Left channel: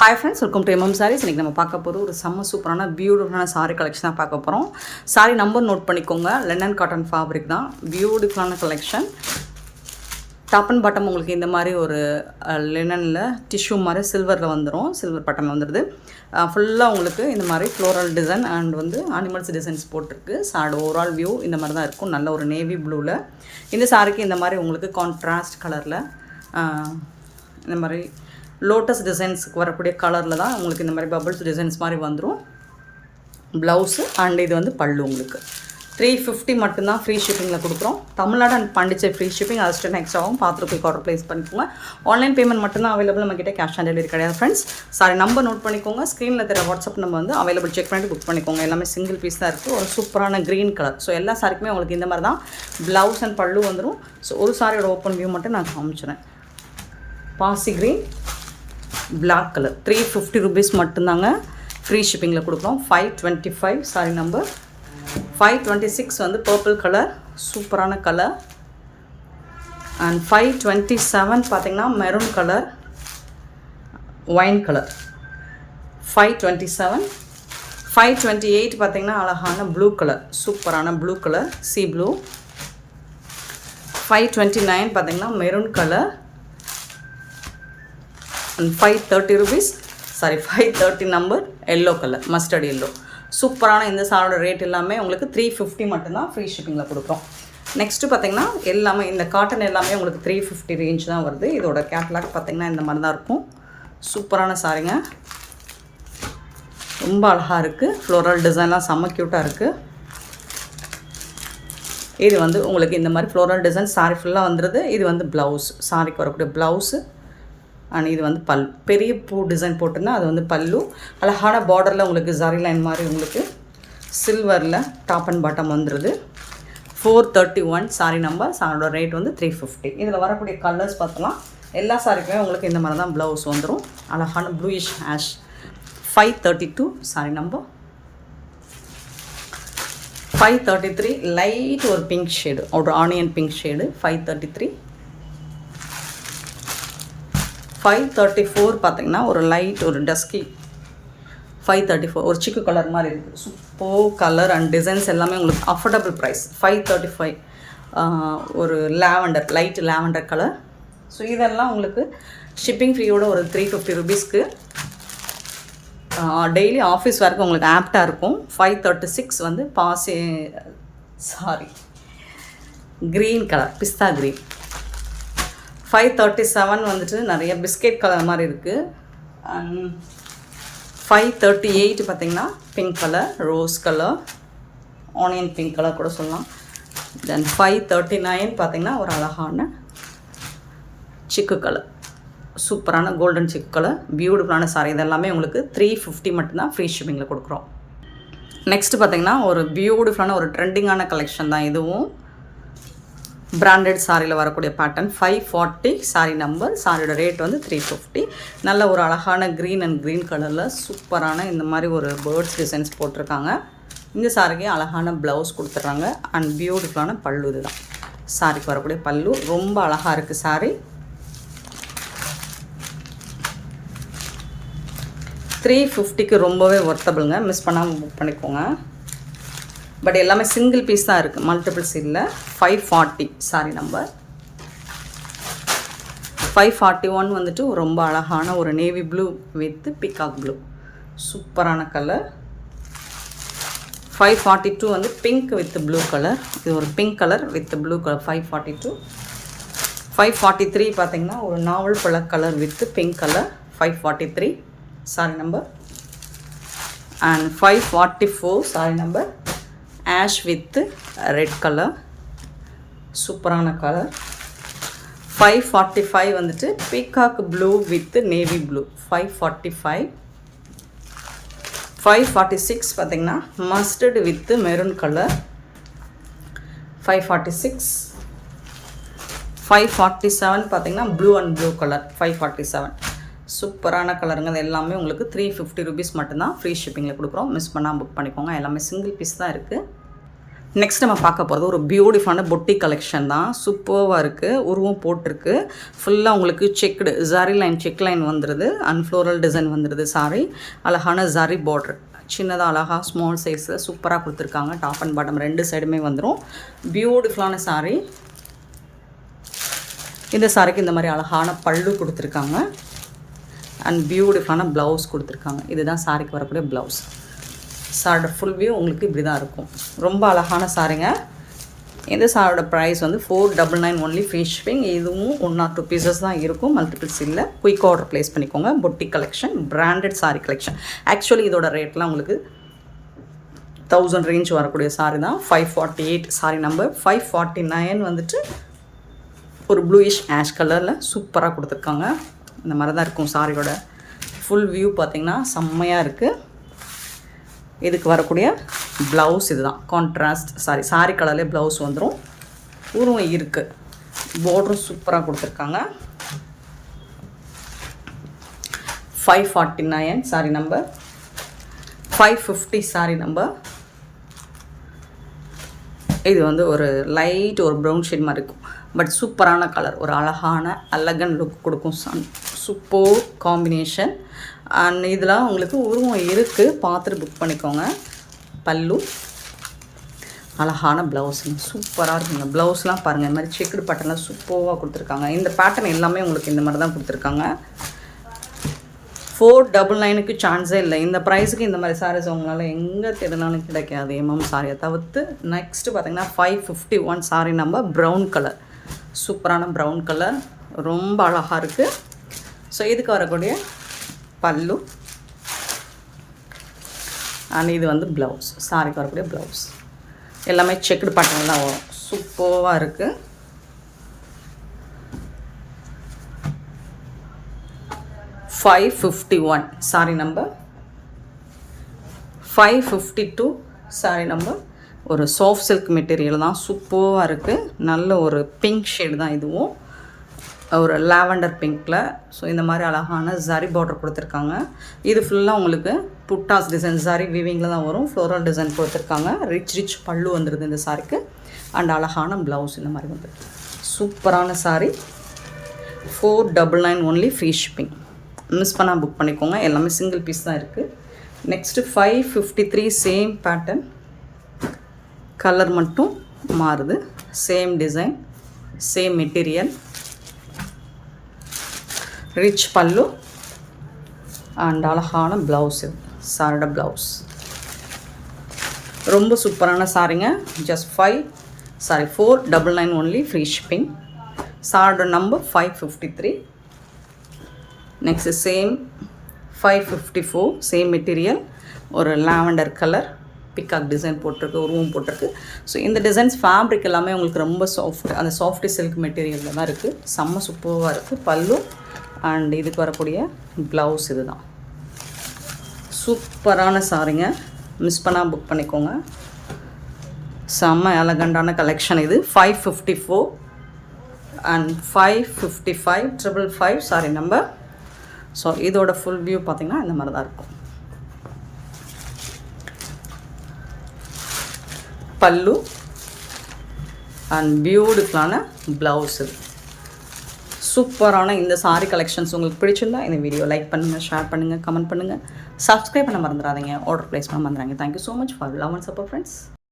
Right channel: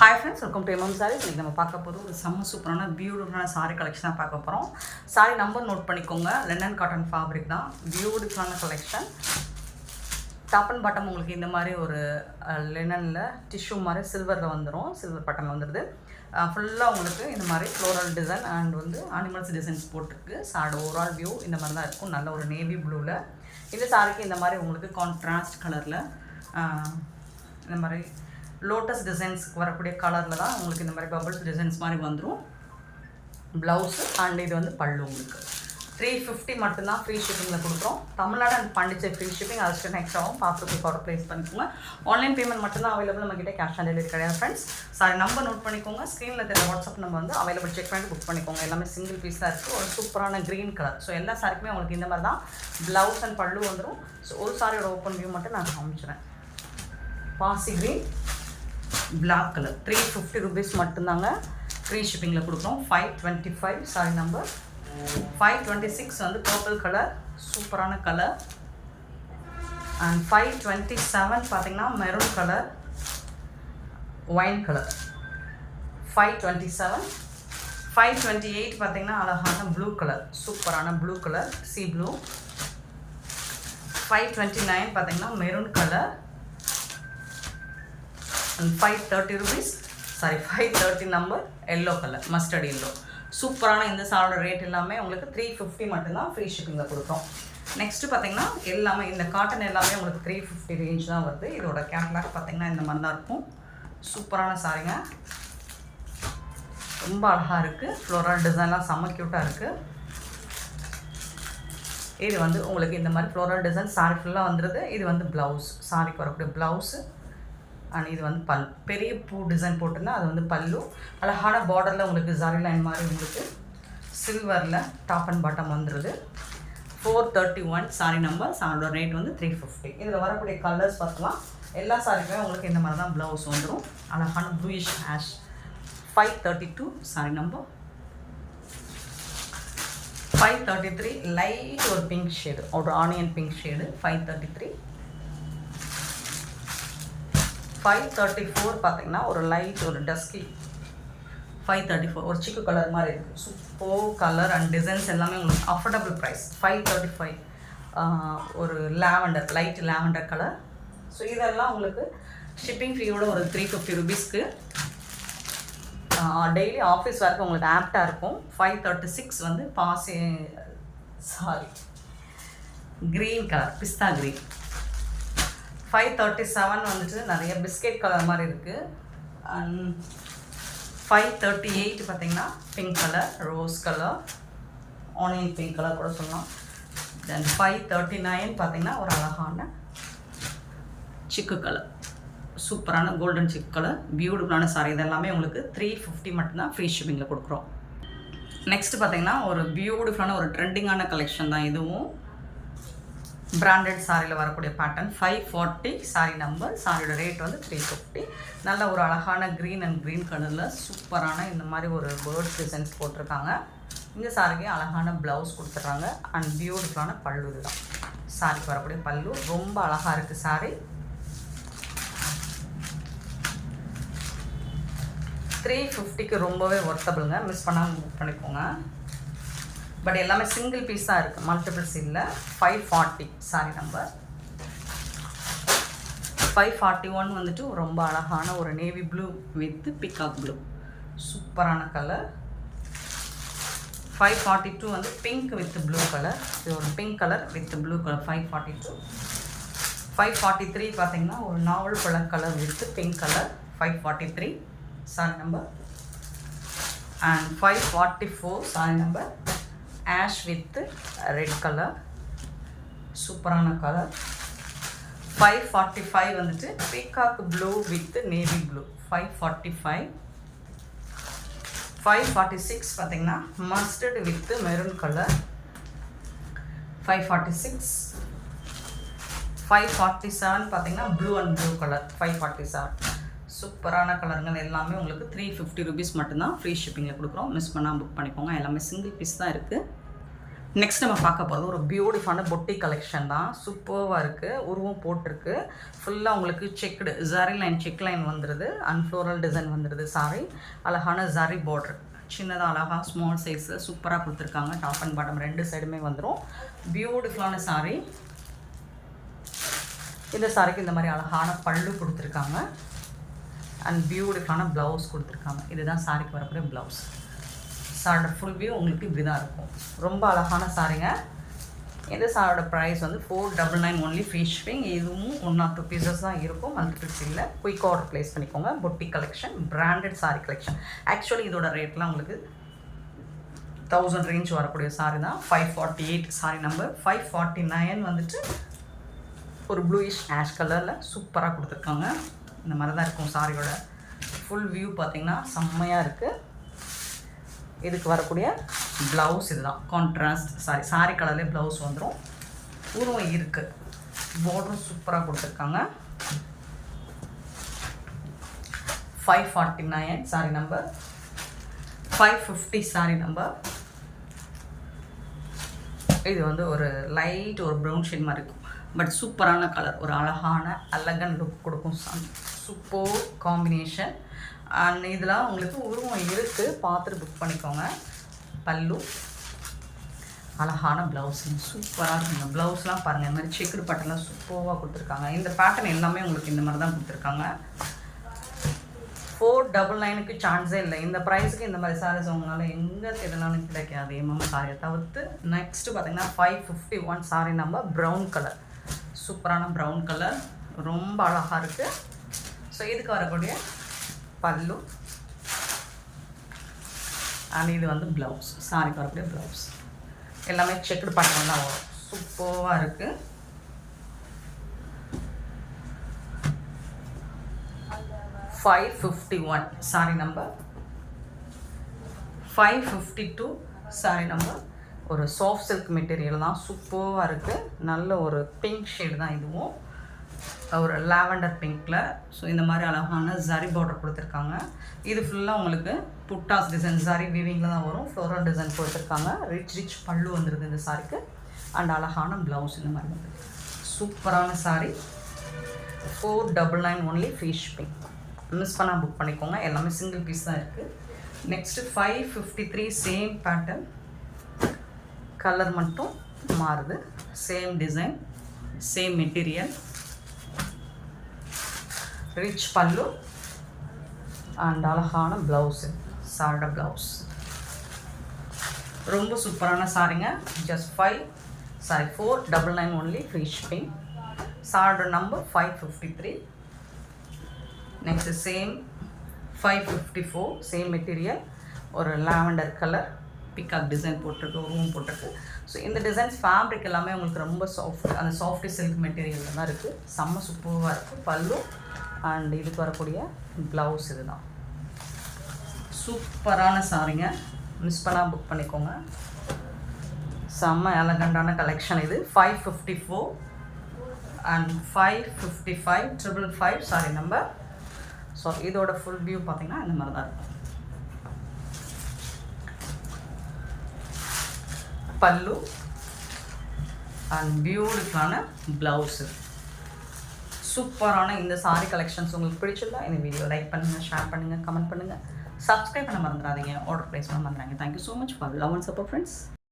Hi friends, welcome to MM Sarees. இன்னைக்கு நம்ம பார்க்க போற ஒரு செம்ம சூப்பரான பியூட்டிஃபுல்லான saree collection தான் பார்க்க போறோம். saree நம்பர் நோட் பண்ணிக்கோங்க. linen cotton fabric தான். பியூட்டிஃபுல்லான collection. டாப் அண்ட் பாட்டம் உங்களுக்கு இந்த மாதிரி ஒரு லினனில் டிஷ்யூ மாதிரி சில்வரில் வந்துடும். சில்வர் பட்டம் வந்துடுது. ஃபுல்லாக உங்களுக்கு இந்த மாதிரி ஃப்ளோரல் டிசைன் அண்ட் வந்து அனிமல்ஸ் டிசைன்ஸ் போட்டிருக்கு. சாரோட ஓவரால் வியூ இந்த மாதிரி தான் இருக்கும். நல்ல ஒரு நேவி ப்ளூவில் இந்த சாரிக்கு இந்த மாதிரி உங்களுக்கு கான்ட்ராஸ்ட் கலரில் இந்த மாதிரி லோட்டஸ் டிசைன்ஸுக்கு வரக்கூடிய கலரில் தான் உங்களுக்கு இந்த மாதிரி பபிள்ஸ் டிசைன்ஸ் மாதிரி வந்துடும். ப்ளவுஸு அண்ட் இது வந்து பல்லு உங்களுக்கு 350 மட்டும்தான் ஃப்ரீ ஷிப்பிங்கில் கொடுக்குறோம். Tamil Nadu and Pondicherry free shipping assistant எக்ஸ்ட்ராவும் பார்த்துட்டு போய் ஆர்டர் ப்ளேஸ் பண்ணிக்கோங்க. ஆன்லைன் பேமெண்ட் மட்டும்தான் அவைலபிள். நம்மக்கிட்ட கேஷ் ஆன் டெலிவரி கிடையாது ஃப்ரெண்ட்ஸ். சாரி நம்பர் நோட் பண்ணிக்கோங்க. ஸ்க்ரீனில் தெரிய வாட்ஸ்அப் நம்ம வந்து அவைலபிள் செக் பண்ணிட்டு புக் பண்ணிக்கோங்க. எல்லாமே சிங்கிள் பீஸ் தான் இருக்குது. ஒரு சூப்பரான க்ரீன் கலர். ஸோ எல்லா சாரிக்குமே உங்களுக்கு இந்த மாதிரி தான் ப்ளவுஸ் அண்ட் பல்லு வந்துடும். ஸோ ஒரு சாரியோட ஓப்பன் வியூ மட்டும் நான் காமிச்சிடுறேன். பாசி க்ரீன் பிளாக் கலர் 350 rupees மட்டும்தாங்க ஃப்ரீ ஷிப்பிங்கில் கொடுக்குறோம். 525 சாரி நம்பர் 526 வந்து பர்பிள் கலர் சூப்பரான கலர். அண்ட் 527 பார்த்தீங்கன்னா மெரூன் கலர் ஒயின் கலர் 527. 528 பார்த்தீங்கன்னா அழகான ப்ளூ கலர் சூப்பரான ப்ளூ கலர் சி ப்ளூ. 529 பார்த்தீங்கன்னா maroon colour. 530 rupees sorry 530 number yellow colour mustard yellow. சூப்பரான இந்த சாரோட ரேட் எல்லாமே உங்களுக்கு 350 மட்டும்தான் ஃப்ரீ ஷிப்பிங்கில் கொடுக்குறோம். நெக்ஸ்ட்டு பார்த்தீங்கன்னா எல்லாமே இந்த காட்டன் எல்லாமே உங்களுக்கு 350 ரேஞ்ச் தான் வருது. இதோட கேட்லாக் பார்த்தீங்கன்னா இந்த மாதிரி தான் இருக்கும். சூப்பரான சாரிங்க, ரொம்ப அழகாக இருக்குது. ஃப்ளோரல் டிசைன்லாம் செம்ம க்யூட்டாக இருக்குது. இது வந்து உங்களுக்கு இந்த மாதிரி ஃப்ளோரல் டிசைன் சாரி ஃபுல்லாக வந்துடுது. இது வந்து ப்ளவுஸ், சாரிக்கு வரக்கூடிய ப்ளவுஸு அண்ட் இது வந்து பெரிய பூ டிசைன் போட்டுன்னா அது வந்து பல்லு. அழகான பார்டரில் உங்களுக்கு ஜரி லைன் மாதிரி உங்களுக்கு சில்வரில் டாப் அண்ட் பாட்டம் வந்துடுது. 431 சாரி நம்பர். சாரோட ரேட் வந்து 350. இதில் வரக்கூடிய கலர்ஸ் பார்த்தலாம். எல்லா சாரிக்குமே உங்களுக்கு இந்த மாதிரி தான் ப்ளவுஸ் வந்துடும். அழகான bluish ash. 532 sorry number. 533 light ஒரு பிங்க் ஷேடு, ஒரு ஆனியன் பிங்க் ஷேடு 533. 534 பார்த்தீங்கன்னா ஒரு லைட் ஒரு டஸ்கி 534 ஒரு சிக்கு கலர் மாதிரி இருக்குது. சூப்பர் கலர் அண்ட் டிசைன்ஸ் எல்லாமே உங்களுக்கு அஃபோர்டபுள் ப்ரைஸ். 535 ஒரு lavender light lavender colour. So இதெல்லாம் உங்களுக்கு ஷிப்பிங் ஃப்ரீயோட ஒரு 350 rupeesக்கு டெய்லி ஆஃபீஸ் வரைக்கும் உங்களுக்கு ஆப்டாக இருக்கும். 536 வந்து க்ரீன் கலர் பிஸ்தா க்ரீன். 537 வந்துட்டு நிறைய பிஸ்கெட் கலர் மாதிரி இருக்குது. அண்ட் 538 பார்த்திங்கன்னா pink colour rose colour onion pink colour கூட சொல்லலாம். தென் 539 பார்த்திங்கன்னா ஒரு அழகான சிக்கு கலர் சூப்பரான கோல்டன் சிக்கு கலர் பியூட்டிஃபுல்லான சாரி. இதெல்லாமே உங்களுக்கு 350 மட்டும்தான் ஃப்ரீ ஷிப்பிங்கில் கொடுக்குறோம். நெக்ஸ்ட்டு பார்த்திங்கன்னா ஒரு பியூட்டிஃபுல்லான ஒரு ட்ரெண்டிங்கான கலெக்ஷன் தான் இதுவும். பிராண்டட் சாரியில் வரக்கூடிய பேட்டர்ன் 540 சாரி நம்பர். சாரியோட ரேட் வந்து 350. நல்ல ஒரு அழகான க்ரீன் அண்ட் க்ரீன் கலரில் சூப்பரான இந்த மாதிரி ஒரு பேர்ட்ஸ் டிசைன்ஸ் போட்டிருக்காங்க. இந்த சாரிக்கு அழகான ப்ளவுஸ் கொடுத்துட்றாங்க அண்ட் பியூட்டிஃபுல்லான பல்லு. இதுதான் சாரிக்கு வரக்கூடிய பல்லு. ரொம்ப அழகாக இருக்குது சாரி. 350க்கு ரொம்பவே ஒர்த்தபிளுங்க. மிஸ் பண்ணாமல் புக் பண்ணிக்கோங்க. பட் எல்லாமே சிங்கிள் பீஸ் தான் இருக்குது, மல்டிபிள்ஸ் இல்லை. 540 சாரி நம்பர். 541 வந்துட்டு ரொம்ப அழகான ஒரு navy blue with peacock blue சூப்பரான கலர். 542 வந்து பிங்க் வித் ப்ளூ கலர். இது ஒரு pink colour with blue colour 542. 543 பார்த்திங்கன்னா ஒரு நாவல் பழ colour with pink colour 543 sorry number. And 544 sorry number ash with red colour சூப்பரான கலர். 545 வந்துட்டு peacock blue with navy blue 545. 546 பார்த்திங்கன்னா மஸ்டர்டு வித் மெரூன் கலர் 546. 547 பார்த்திங்கன்னா blue and blue colour 547 சூப்பரான கலருங்க. அது எல்லாமே உங்களுக்கு 350 rupees மட்டும்தான் ஃப்ரீ ஷிப்பிங்கில் கொடுக்குறோம். மிஸ் பண்ணால் புக் பண்ணிக்கோங்க. எல்லாமே சிங்கிள் பீஸ் தான் இருக்குது. நெக்ஸ்ட் நம்ம பார்க்க போகிறது ஒரு பியூட்டிஃபுல்லான பொட்டி கலெக்ஷன் தான். சூப்பராக இருக்குது. உருவம் போட்டிருக்கு. ஃபுல்லாக உங்களுக்கு checked zari line check line வந்துடுது. அண்ட் ஃப்ளோரல் டிசைன் வந்துடுது. சாரி அழகான ஜரி பார்டர் சின்னதாக அழகாக ஸ்மால் சைஸில் சூப்பராக கொடுத்துருக்காங்க. டாப் அண்ட் பாட்டம் 2 சைடுமே வந்துடும். பியூட்டிஃபுல்லான சாரீ. இந்த சாரிக்கு இந்த மாதிரி அழகான பல்லு கொடுத்துருக்காங்க. அண்ட் பியூட்டிஃபுல்லான ப்ளவுஸ் கொடுத்துருக்காங்க. இதுதான் சாரிக்கு வரக்கூடிய ப்ளவுஸ். சாரோட ஃபுல் வியூ உங்களுக்கு இப்படி தான் இருக்கும். ரொம்ப அழகான சாரிங்க. இந்த சாரோட ப்ரைஸ் வந்து 499 ஒன்லி ஃப்ரீ ஷிப்பிங். இதுவும் 1 or 2 பீசஸ் தான் இருக்கும். மல்டிபிள்ஸ் இல்லை. குயிக் ஆர்டர் ப்ளேஸ் பண்ணிக்கோங்க. பொட்டி collection branded sorry collection. Actually இதோட ரேட்லாம் உங்களுக்கு 1000 ரேஞ்ச் வரக்கூடிய சாரி தான். 548 சாரி நம்பர். 549 வந்துட்டு ஒரு ப்ளூயிஷ் ஆஷ் கலரில் சூப்பராக கொடுத்துருக்காங்க. இந்த மாதிரி தான் இருக்கும் சாரியோட ஃபுல் வியூ. பார்த்திங்கன்னா செம்மையாக இருக்குது. இதுக்கு வரக்கூடிய ப்ளவுஸ் இது தான். கான்ட்ராஸ்ட் சாரி கலர்லேயே ப்ளவுஸ் வந்துடும். உருவம் இருக்குது. பார்டரும் சூப்பராக கொடுத்துருக்காங்க. 549 சாரி நம்பர். 550 sorry number. இது வந்து ஒரு லைட் ஒரு ப்ரௌன் ஷேட் மாதிரி இருக்கும். பட் சூப்பரான கலர். ஒரு அழகான அழகன் லுக் கொடுக்கும். Super combination. அண்ட் இதெல்லாம் உங்களுக்கு உருவம் இருக்குது. பார்த்துட்டு புக் பண்ணிக்கோங்க. பல்லு அழகான ப்ளவுஸுங்க சூப்பராக இருக்குங்க. ப்ளவுஸ்லாம் பாருங்கள். இந்த மாதிரி செக்குடு பேட்டர்லாம் சூப்பராக கொடுத்துருக்காங்க. இந்த பேட்டர்ன் எல்லாமே உங்களுக்கு இந்த மாதிரி தான் கொடுத்துருக்காங்க. 499க்கு சான்ஸே இல்லை. இந்த ப்ரைஸுக்கு இந்த மாதிரி சாரீஸ் உங்களால் எங்கே தேடினாலும் கிடைக்காது. சாரியை தவிர்த்து. நெக்ஸ்ட்டு பார்த்திங்கன்னா 551 சாரி நம்பர். Brown colour. சூப்பரான ப்ரௌன் கலர். ரொம்ப அழகாக இருக்குது. ஸோ இதுக்கு வரக்கூடிய பல்லு அண்ட் இது வந்து ப்ளவுஸ். சாரிக்கு வரக்கூடிய ப்ளவுஸ் எல்லாமே செக்குடு பேட்டர்ன் தான் வரும். சூப்பராக இருக்குது. $551 சாரி நம்பர். 552 sorry number. ஒரு சாஃப்ட் சில்க் மெட்டீரியல் தான். சூப்பராக இருக்குது. நல்ல ஒரு பிங்க் ஷேடு தான் இதுவும். ஒரு லாவெண்டர் பிங்க்கில். ஸோ இந்த மாதிரி அழகான ஜரி பார்டர் கொடுத்துருக்காங்க. இது ஃபுல்லாக உங்களுக்கு புட்டாஸ் டிசைன் ஜரி வீவிங்கில் தான் வரும். ஃப்ளோரல் டிசைன் கொடுத்துருக்காங்க. ரிச் பல்லு வந்துடுது இந்த சாரிக்கு. அண்ட் அழகான ப்ளவுஸ் இந்த மாதிரி வந்துருக்கு. சூப்பரான sorry. 499 only free shipping. Miss பண்ணால் புக் பண்ணிக்கோங்க. எல்லாமே சிங்கிள் பீஸ் தான் இருக்குது. Next 553 same pattern. கலர் மட்டும் மாறுது. Same design same material. Rich pallu and அழகான ப்ளவுஸ். இது சாரோட ப்ளவுஸ். ரொம்ப சூப்பரான சாரிங்க. Just 499 only free shipping. சாரோட number 553. Next same 554 same material. ஒரு லாவெண்டர் கலர் பிக்காக் டிசைன் போட்டிருக்கு. உருவம் போட்டிருக்கு. ஸோ இந்த டிசைன்ஸ் ஃபேப்ரிக் எல்லாமே உங்களுக்கு ரொம்ப சாஃப்ட். அந்த சாஃப்ட் சில்க் மெட்டீரியலில் தான் இருக்குது. செம்ம சூப்பராக இருக்குது. பல்லு அண்ட் இதுக்கு வரக்கூடிய ப்ளவுஸ் இது தான். சூப்பரான சாரிங்க. மிஸ் பண்ணால் புக் பண்ணிக்கோங்க. செம்ம எலகண்டான கலெக்ஷன் இது. 554 அண்ட் 555 555 சாரி நம்பர். ஸோ இதோட ஃபுல் வியூ பார்த்திங்கன்னா இந்த மாதிரி தான் இருக்கும். பல்லு அண்ட் பியூட்டிஃபுல்லான ப்ளவுஸ். இது சூப்பரான இந்த சாரி கலெக்ஷன்ஸ் உங்களுக்கு பிடிச்சிருந்தா இந்த வீடியோ லைக் பண்ணுங்கள், ஷேர் பண்ணுங்கள், கமெண்ட் பண்ணுங்கள், சப்ஸ்கிரைப் பண்ண மறந்துடாதீங்க. ஆர்டர் ப்ளேஸ் பண்ண மறந்துடாதீங்க. Thank you so much for love and support friends.